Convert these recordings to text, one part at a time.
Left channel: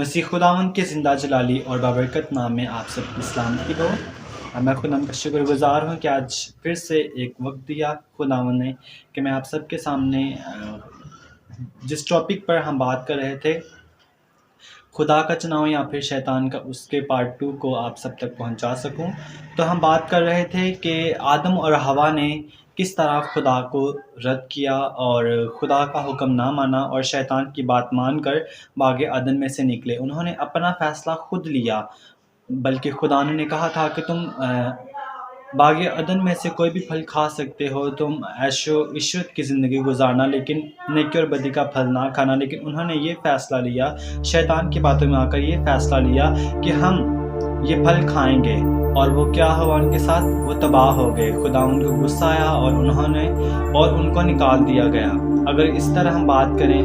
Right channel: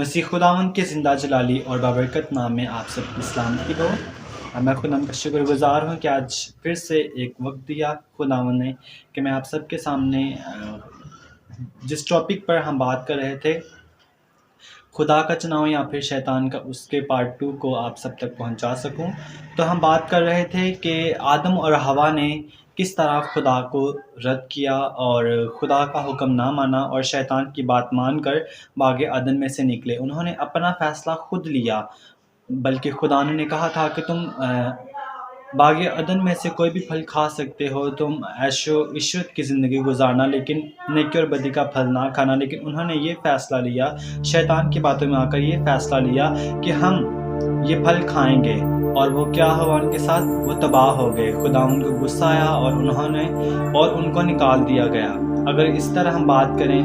مسیح خداوند کے زندہ جلالی اور بابرکت نام میں آپ سب کی سلامتی ہو۔ میں خداوند کا شکر گزار ہوں کہ آج پھر سے ایک وقت دیا خداوند نے کہ میں آپ سب کے سامنے جس ٹاپک پر ہم بات کر رہے تھے، خدا کا چناؤ یا پھر شیطان کا، اس کے پارٹ 2 کو آپ سب تک پہنچا سکوں۔ تو ہم بات کر رہے تھے کہ آدم اور حوا نے کس طرح خدا کو رد کیا اور خدا کا حکم نہ مانا اور شیطان کی بات مان کر باغ عدن میں سے نکلے۔ انہوں نے اپنا فیصلہ خود لیا، بلکہ خدا نے کہا تھا کہ تم باغ عدن میں سے کوئی بھی پھل کھا سکتے ہو، تم عیش و عشرت کی زندگی گزارنا، لیکن نیکی اور بدی کا پھل نہ کھانا۔ لیکن انہوں نے یہ فیصلہ لیا، شیطان کی باتوں میں آ کر یہ فیصلہ لیا کہ ہم یہ پھل کھائیں گے، اور وہ کیا ہوا ان کے ساتھ؟ وہ تباہ ہو گئے۔ خدا ان کو غصہ آیا اور ان کو نکال دیا گیا۔ اگر اس طرح ہم بات کریں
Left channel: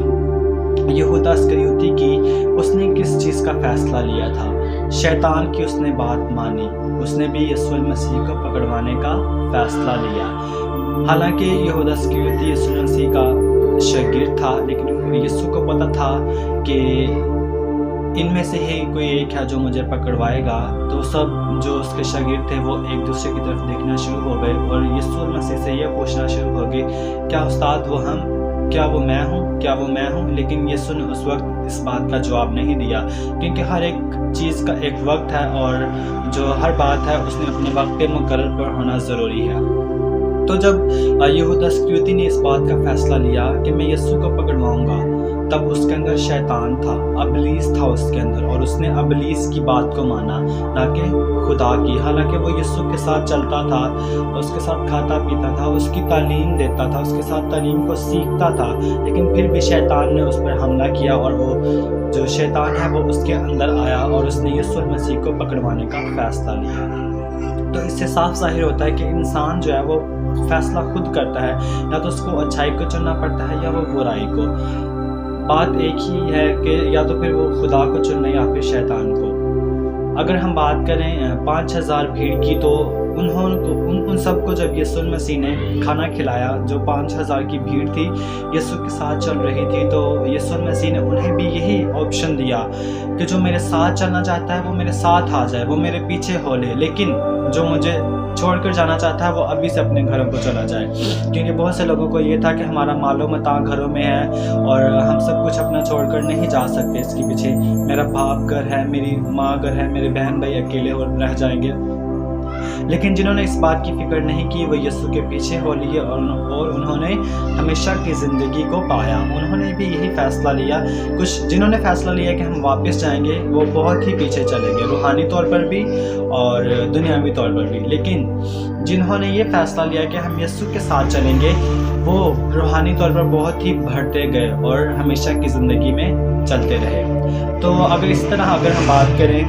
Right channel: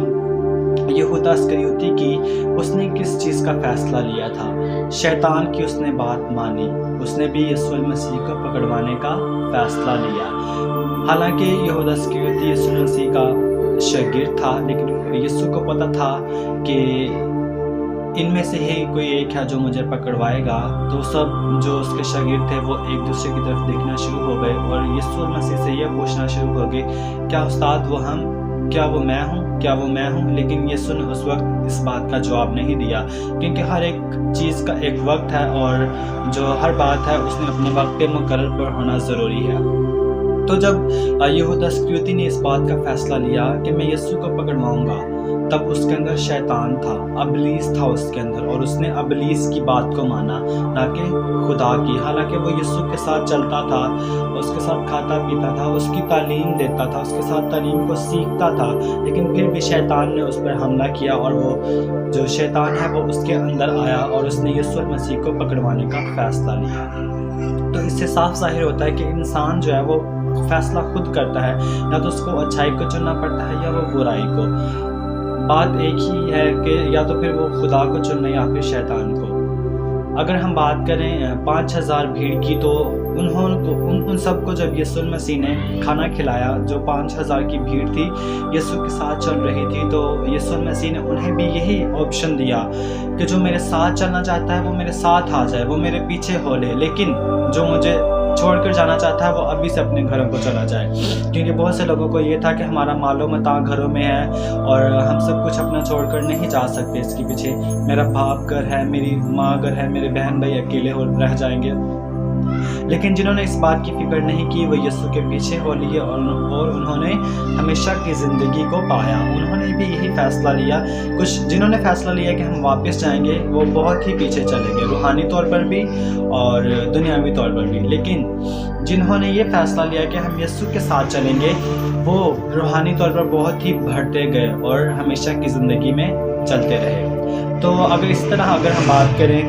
یہودا اسکریوتی کی، اس نے کس چیز کا فیصلہ لیا تھا؟ شیطان کی اس نے بات مانی، اس نے بھی یسوع المسیح کو پکڑوانے کا فیصلہ لیا۔ حالانکہ یہودا اسکریوتی یسوع المسیح کا شاگرد تھا، لیکن یسوع کو پتہ تھا کہ ان میں سے ہی کوئی ایک ہے جو مجھے پکڑوائے گا۔ تو سب جو اس کے شاگرد تھے وہ ایک دوسرے کی طرف دیکھنا شروع ہو گئے اور یسوع المسیح سے یہ پوچھنا شروع ہو گئے، کیا استاد وہ ہم؟ کیا وہ میں ہوں؟ کیا وہ میں ہوں؟ لیکن یسوع نے اس وقت اس بات کا جواب نہیں دیا، کیونکہ ہر ایک چیز کا ایک وقت ہے اور جو ہر بات ہے اس نے اپنے وقت پہ مقرر پر ہونا ضروری ہے۔ تو جب یہودا اسکریوتی نے اس بات کا فیصلہ لیا کہ میں یسوع کو پکڑواؤں گا، تب اس کے اندر شیطان تھا، ابلیس تھا اس کے اندر، اور اس نے ابلیس کی بات کو مانا نہ کہ خدا کی۔ حالانکہ وہ یسوع کے ساتھ چلتا تھا، اس کے ساتھ کھاتا پیتا تھا، اس کی تعلیم دیتا تھا، اس کے ساتھ تعلیم کو سیکھتا تھا، لیکن پھر بھی شیطان نے اس پر حملہ کیا، اور وہ جو شیطان ہے وہ اس کے اندر آیا اور اس نے یسوع مسیح کو پکڑوانے کا فیصلہ لیا۔ تو اس سے صاف ظاہر ہوتا ہے کہ انسان جو ہے وہ فیصلہ خود کرتا ہے، یا تو اس کو اچھائی کو چننا پڑتا ہے یا وہ برائی کو۔ بات ایک ہی ہے کہ یا تو پھر وہ خدا کو چننا یا پھر شیطان کو۔ اگر ہم بات کریں 5000 بھیڑ کی، تو ان سب کو جب یسوع مسیح نے کھانا کھلایا، جو 5000 کی بھیڑ تھی یسوع کے ساتھ چل رہی تھی، تو یسوع مسیح نے انہیں بھی یہی آپشن دیا کہ جو میرے ساتھ چلنا چاہتا ہے وہ میرے ساتھ آ جائے، وہ میرے پیچھے ہو لے، لیکن جو مجھے چھوڑ کر جانا چاہتا ہے وہ ابھی سے اپنے گھروں کو چلا جائے۔ کیونکہ بہت سے لوگوں کو یہ تھا کہ ہمارا مال و متاع گھروں میں ہے اور ہم سب کچھ اپنا چھوڑ کر نہیں جا سکتے، اس کے پیچھے میرا باپ گھر ہے، میری ماں گھر ہے، میرے بہن بھائی اکیلے اور رہ جائیں گے۔ لیکن جنہوں نے اس بات کی فکر نہیں کی وہ یسوع کے پیچھے ہو لیے اور انہوں نے ہمیشہ کی زندگی کو پایا۔ انہوں نے بھی یہی فیصلہ لیا۔ کچھ جنہوں نے فیصلہ لیا کہ ہم واپس جائیں گے وہ بہت ہی پیچھے چلے گئے، روحانی طور پر بھی اور دنیاوی طور پر بھی۔ لیکن جنہوں نے یہ فیصلہ لیا کہ ہم یسوع کے ساتھ چلیں گے، وہ روحانی طور پر بہت ہی بڑھتے گئے اور ہمیشہ کی زندگی میں چلتے رہے۔ تو اگر اس طرح ہم بات کریں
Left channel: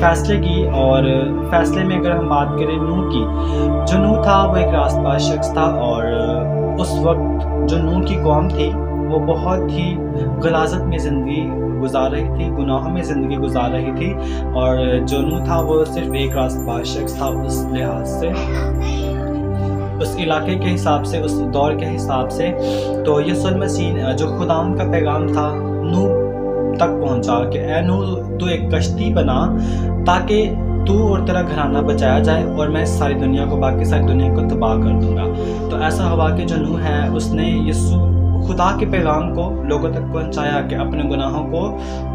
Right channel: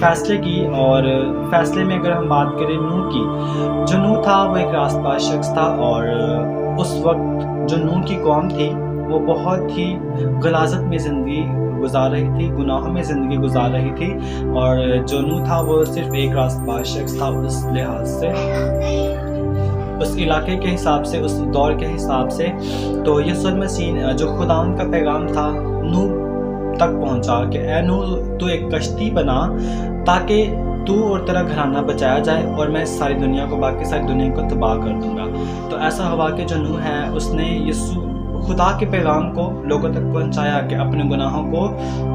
فیصلے کی، اور فیصلے میں اگر ہم بات کریں نوح کی، جو نوح تھا وہ ایک راست باز شخص تھا، اور اس وقت جو نوح کی قوم تھی وہ بہت ہی غلاظت میں زندگی گزار رہی تھی، گناہوں میں زندگی گزار رہی تھی، اور جو نوح تھا وہ صرف ایک راست باز شخص تھا اس لحاظ سے، اس علاقے کے حساب سے، اس دور کے حساب سے۔ تو یسوع مسیح جو خداوند کا پیغام تھا نوح تک پہنچا کہ اے نوح، تو ایک کشتی بنا تاکہ تو اور تیرا گھرانہ بچایا جائے، اور میں ساری دنیا کو، باقی ساری دنیا کو تباہ کر دوں گا۔ تو ایسا ہوا کہ جو نوح ہے اس نے خدا کے پیغام کو لوگوں تک پہنچایا کہ اپنے گناہوں کو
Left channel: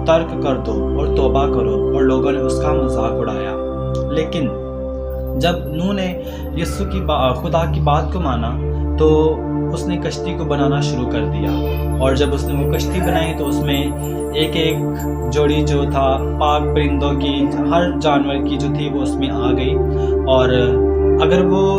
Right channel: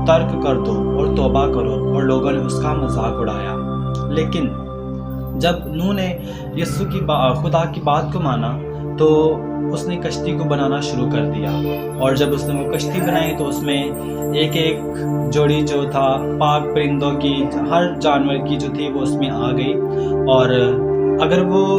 ترک کر دو اور توبہ کرو، اور لوگوں نے اس کا مذاق اڑایا۔ لیکن جب نوح نے خدا کی بات کو مانا تو اس نے کشتی کو بنانا شروع کر دیا، اور جب اس نے وہ کشتی بنائی تو اس میں ایک ایک جوڑی جو تھا پاک پرندوں کی، ہر جانور کی جو تھی وہ اس میں آ گئی، اور اگر وہ